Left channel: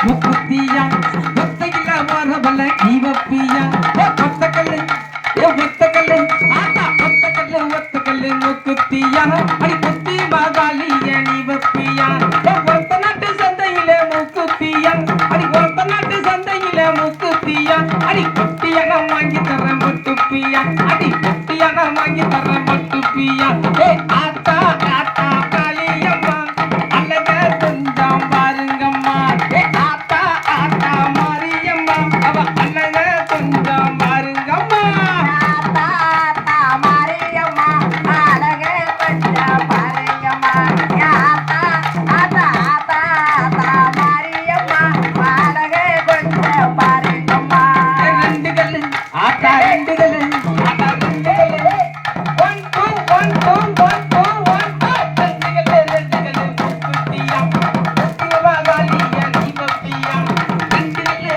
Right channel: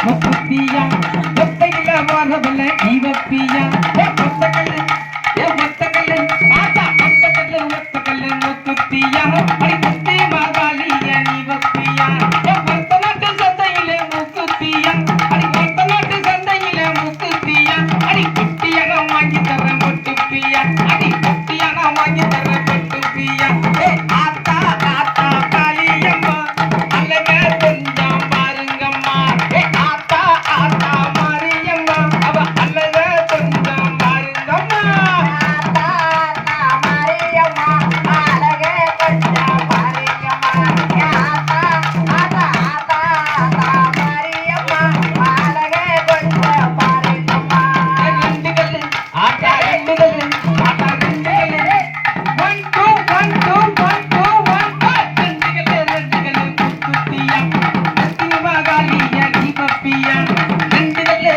முக்குத்தியா ஒத்தையில வரவல்ல ஜீவப்பியா ஒத்தக்கல்லு ஒத்தக்கல்லு ஆத்தா ஒத்தக்கல்லு ஒத்தக்கல்லு முக்குத்தியா அடி குத்தி மாதாளிய நீவப்பியா ஒத்த நாட்டு சந்தையில முக்குத்தியா அடி ஒத்த நாட்டு சந்தையில முக்குத்தியா அடி குட்டியான வாங்கி தர முட்டுப்பியா அடி குட்டியான வாங்கி தர முட்டுப்பியா ஆத்தா ஆத்தா காளியம்மா அழகா கொஞ்சம் பாருங்கம்மா ஆத்தா ஆத்தா மாரியம்மா அவ அழகா கொஞ்சம் பாருங்கம்மா ஆத்தா ஆத்தா மாரியம்மா அழகே கொஞ்சம் பாருங்கம்மா ஆத்தா ஆத்தா ஆத்தா ஆத்தா மாரியம்மா அழகே கொஞ்சம் பாருங்கம்மா ரெண்டு கல்லு ஆத்தா ரெண்டு கல்லு ஆத்தா ரெண்டு கல்லு 1 2 1 2 1 2 1 2 ரெண்டு கல்லு முக்குத்தியா சத்தியமா காளிய தீபப்பியா ரெண்டு கல்லு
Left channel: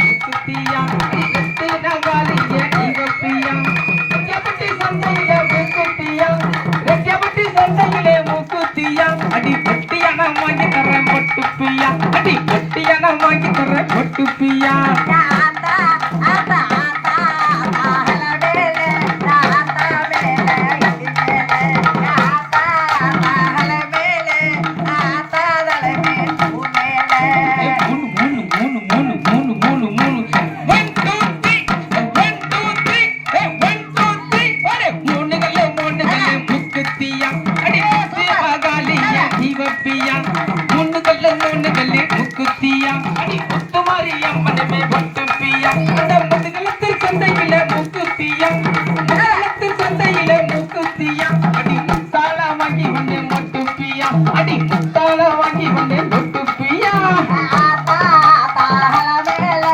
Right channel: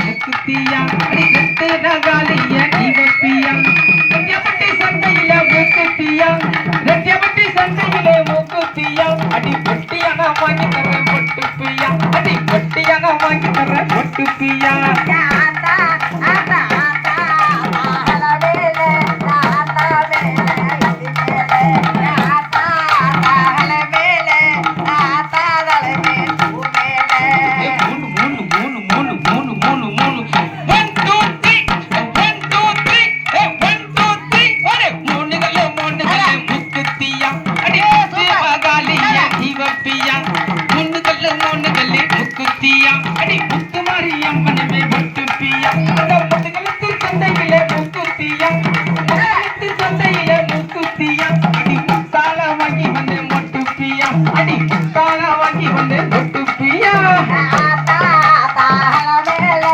முக்குத்தியா ரெண்டு நகாளிய தீபப்பியா ரெக்கப்பட்டி சந்தையில முக்குத்தியா ரெக்கப்பட்டி சந்தையில முக்குத்தியா அடி பொட்டியான வாங்கி தர பொட்டுப்பியா அடி பொட்டியான வாங்கி தர பொட்டுப்பியா ஆத்தா ஆத்தா ஆத்தா மகளவேலே ஆத்தா வேலே இடிமேலே ஆத்தா ஆத்தா மகளவேலே ஆத்தா தலமே பூமேலே மூணு மூணு மூணு மூணு மூணு மூணு மூணு 1 2 3 1 2 3 ஒரே மூணு கல்லு முக்குத்தியா அடி மகாலிய தீபப்பியா மூணு கல்லு முக்குத்தியா அடி முத்து மாரியம்மனமே பொட்டுப்பியா அந்த முதுகலத்து சந்தையில முக்குத்தியா முதுகலத்து சந்தையில முக்குத்தியா அடி முத்தால வாங்கி வந்து மொட்டுப்பியா அடி முத்தால வாங்கி வந்து மொட்டுப்பியா ஆத்தா ஆத்தா மகளவேலே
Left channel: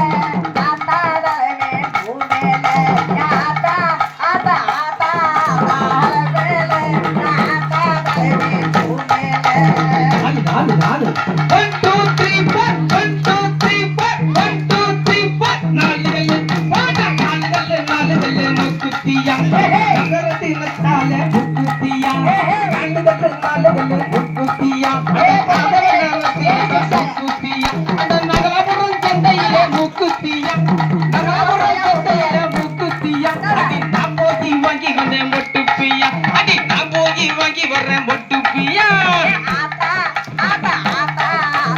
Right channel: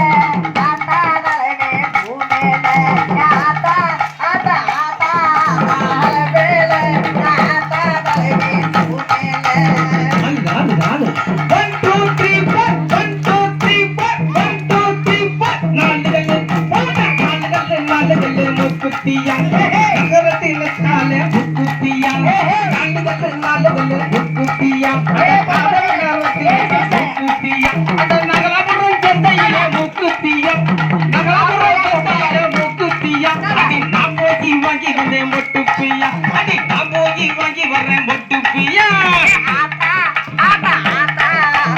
ஆத்தா தலமே பூமேலே ஆத்தா ஆத்தா ஆத்தா மகளவேலே ஆத்தா தலமே பூமேலே நாலு 1 2 3 4 1 2 3 4 1 2 3 4 நாலு கல்லு முக்குத்தியா நகரத்தில சால முக்குத்தியா நாலு கல்லு முக்குத்தியா முக்குத்தியா அந்த நகலாபுரம் சந்தையில முக்குத்தியா நகலாபுரம் சந்தையில முக்குத்தியா அடி நான் போகி வாங்கி வந்தேன் மொட்டுப்பியா அடி நான் போகி வாங்கி வர்றேன் மொட்டுப்பியா ஆத்தா ஆத்தா ஆத்தா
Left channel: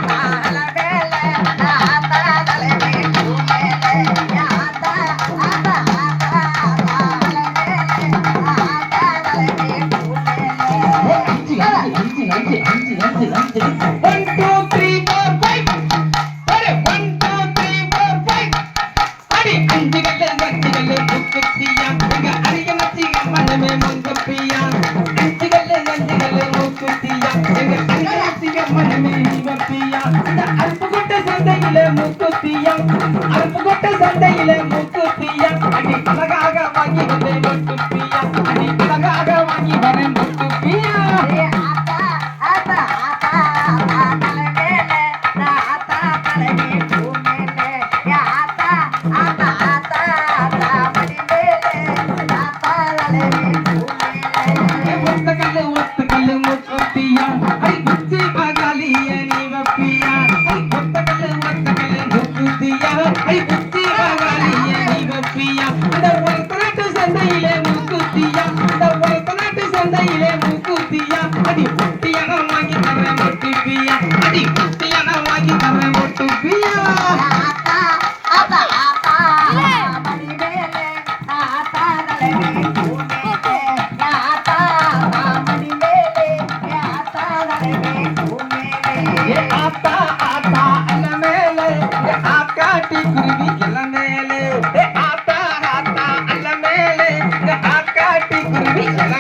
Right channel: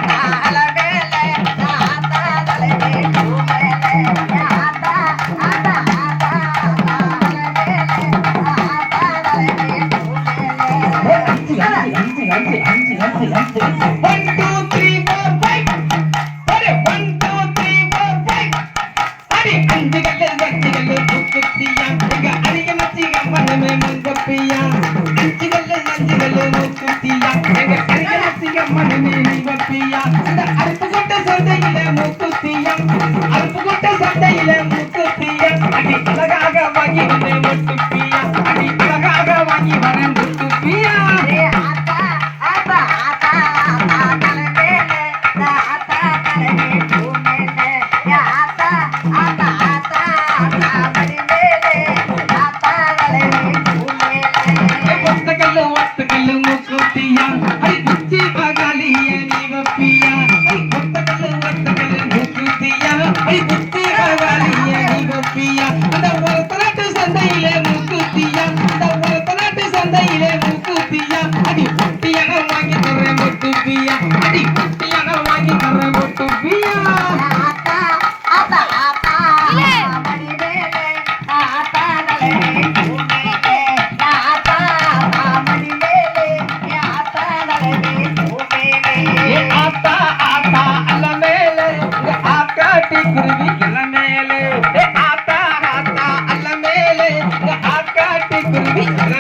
மகளவேலே ஆத்தா தலமே பூமேலே ஆத்தா ஆத்தா ஆத்தா மகளவேலே ஆத்தா தலமே பூமேலே அஞ்சு 1 2 3 4 5 அரே 1 2 3 4 5 அடி அஞ்சு கல்லு முக்குத்தியா உங்க அரிய மச்சி மனமே மங்கப்பியா அஞ்சு கல்லு முக்குத்தியா எங்க சந்தையிலே மூக்குத்தியா இந்த உலக நாட்டு சந்தையிலே மூக்குத்தியா அடி ஒட்டியான வாங்கி தரேன் வெட்டுப்பியா அடி ஒட்டியான வாங்கி தரேன் வெட்டுப்பியா ஆத்தா ஆத்தா ஆத்தா மடி மேலே ஆத்தா நலவே பூமேலே ஆத்தா ஆத்தா மடி மேலே ஆத்தா நலவே பூமேலே ஏ ஆத்தா ஆத்தா அல்ல மேலே ஏ ஆக்காட்டி குருவி கிள மேலே ஏ ஆத்தா ஆத்தா அல்ல மேலே ஏ ஆக்காட்டி குருவி கிள